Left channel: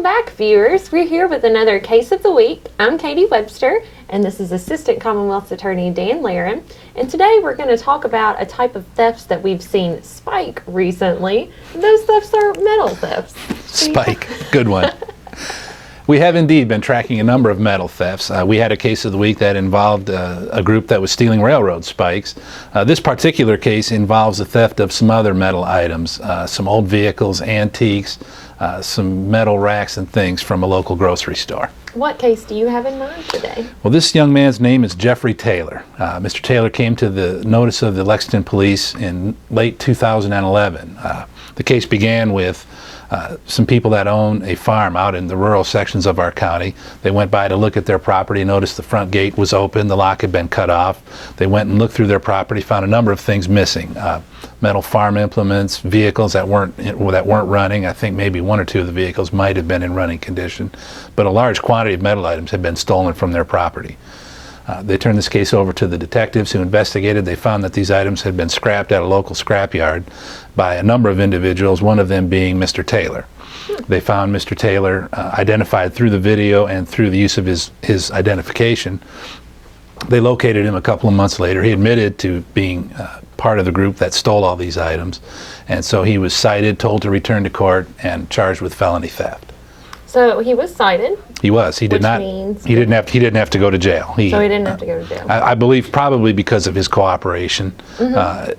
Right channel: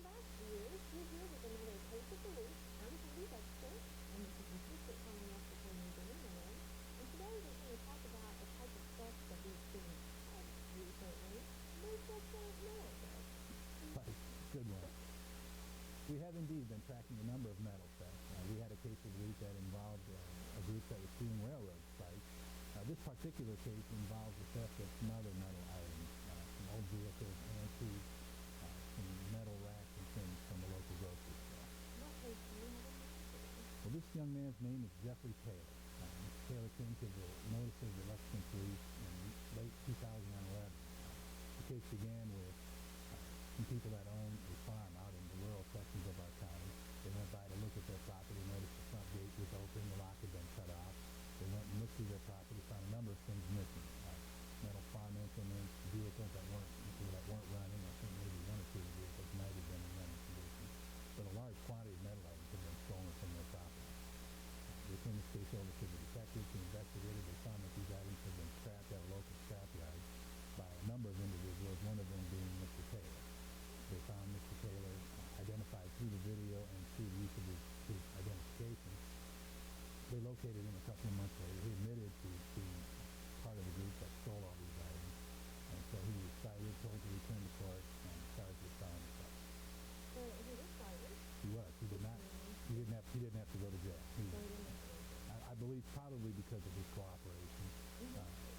Welcome back, viewers. We're here with another Case of the Week. I'm Katie Webster, and this is Assistant Commonwealth's Attorney Dan Laren. And today we're going to talk about a type of thefts that we've seen spike recently. Those thefts are metal thefts. Spike, good one. We have indeed been tracking a number of metal thefts. We had a case of the week that involved a group that was stealing railroad spikes. This particular case involves the theft of some other metal items, some old vehicles, antiques, some metal racks and things from a local grocery store. What case do you have in mind today? Well, this young man's name is Jeffery Taylor. Mr. Taylor came to the notice of the Lexington police in late 2011. The case began with some people that own a farm out in the rural sections of our county. They went by to look at their property, noticed the front gate was open, the lock had been cut off. They went and looked through their property, found a number of things missing. Metal farm implements, vehicles that weren't running. I think maybe one or two of the vehicles might have been in running condition, but a large quantity of metal items had been stolen from their property. They turned this case over to the detectives who investigated. They found that these items had been scrapped at a local scrapyard by a number of individuals, one of them being Mr. Taylor. They found Mr. Taylor identified through the video and through the use of his identification. They located him a couple of months later. He admitted to being part of the group that stole all these items, and so he was cited, told to return to court, and charged with felony theft. So he was cited. He was. He did not. He didn't have to go to jail. So he didn't have to go to jail. I believe probably because of his cooperation.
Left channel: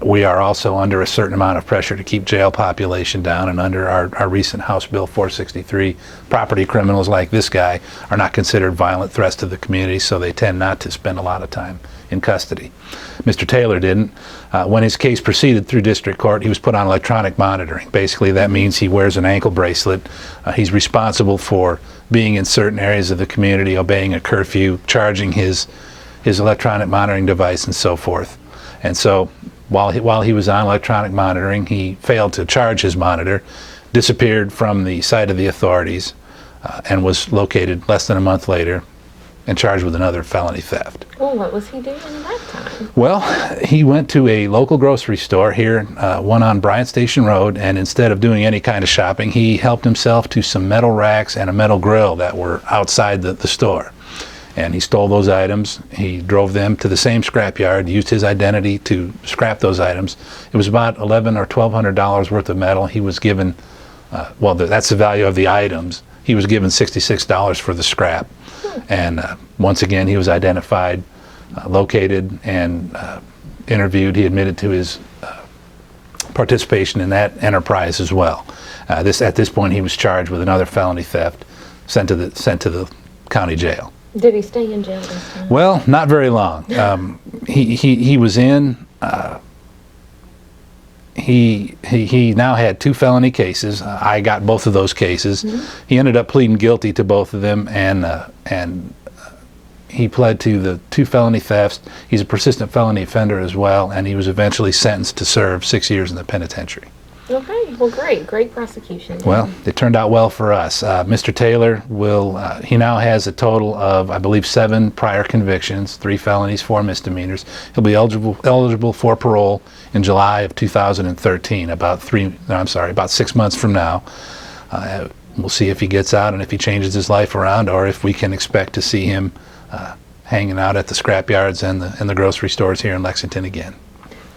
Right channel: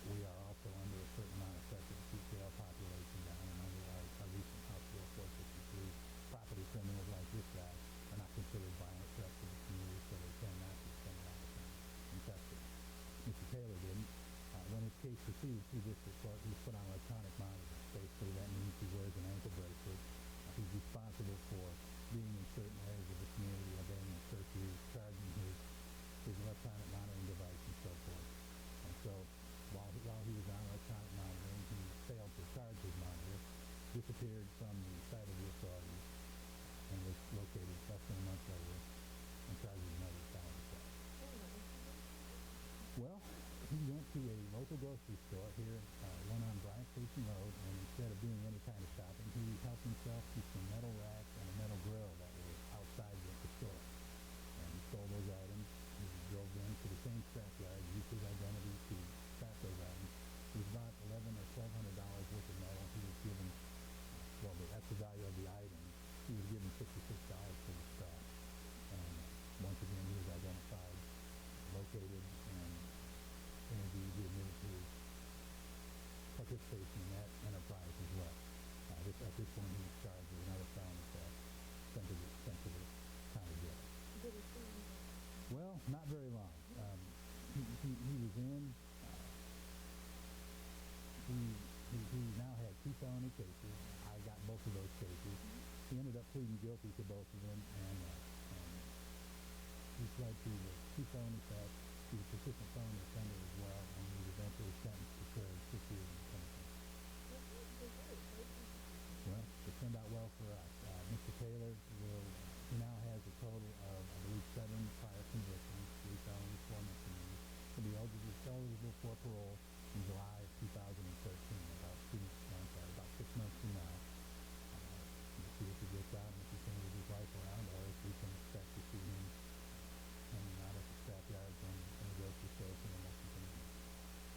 We are also under a certain amount of pressure to keep jail population down, and under our recent House Bill 463, property criminals like this guy are not considered violent threats to the community, so they tend not to spend a lot of time in custody. Mr. Taylor didn't. When his case proceeded through district court, he was put on electronic monitoring. Basically, that means he wears an ankle bracelet. He's responsible for being in certain areas of the community, obeying a curfew, charging his electronic monitoring device, and so forth. And so while he was on electronic monitoring, he failed to charge his monitor, disappeared from the sight of the authorities, and was located less than a month later and charged with another felony theft. Well, what was he doing at that time? Well, he went to a local grocery store here, one on Bryant Station Road, and instead of doing any kind of shopping, he helped himself to some metal racks and a metal grill that were outside the store. And he stole those items. He drove them to the same scrapyard, used his identity to scrap those items. It was about $1,100 or $1,200 worth of metal. He was given, well, that's the value of the items. He was given $66 for the scrap. And once again, he was identified, located, and interviewed. He admitted to his participation in that enterprise as well. At this point, he was charged with another felony theft, sent to the county jail. Did he stay in jail this time? Well, not very long. He was in. He now had 2 felony cases. I got both of those cases. He ended up pleading guilty to both of them, and he pled to the 2 felony thefts. He's a persistent felony offender as well, and he was eventually sentenced to serve 6 years in the penitentiary. Okay, well, great prosecution. Well, it turned out well for us. Mr. Taylor he now has a total of, I believe, 7 prior convictions, 3 felonies, 4 misdemeanors. He'll be eligible for parole in July of 2013, about 6 months from now. We'll see if he gets out and if he changes his life around, or if we can expect to see him hanging out at the scrapyards and the grocery stores here in Lexington again.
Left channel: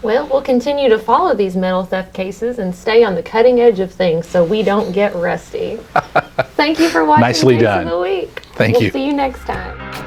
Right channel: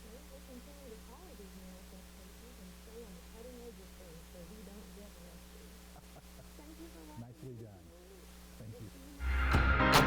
Well, we'll continue to follow these metal theft cases and stay on the cutting edge of things so we don't get rusty. Thank you for watching Nicely Case done. of the Week. Thank you. We'll see you next time.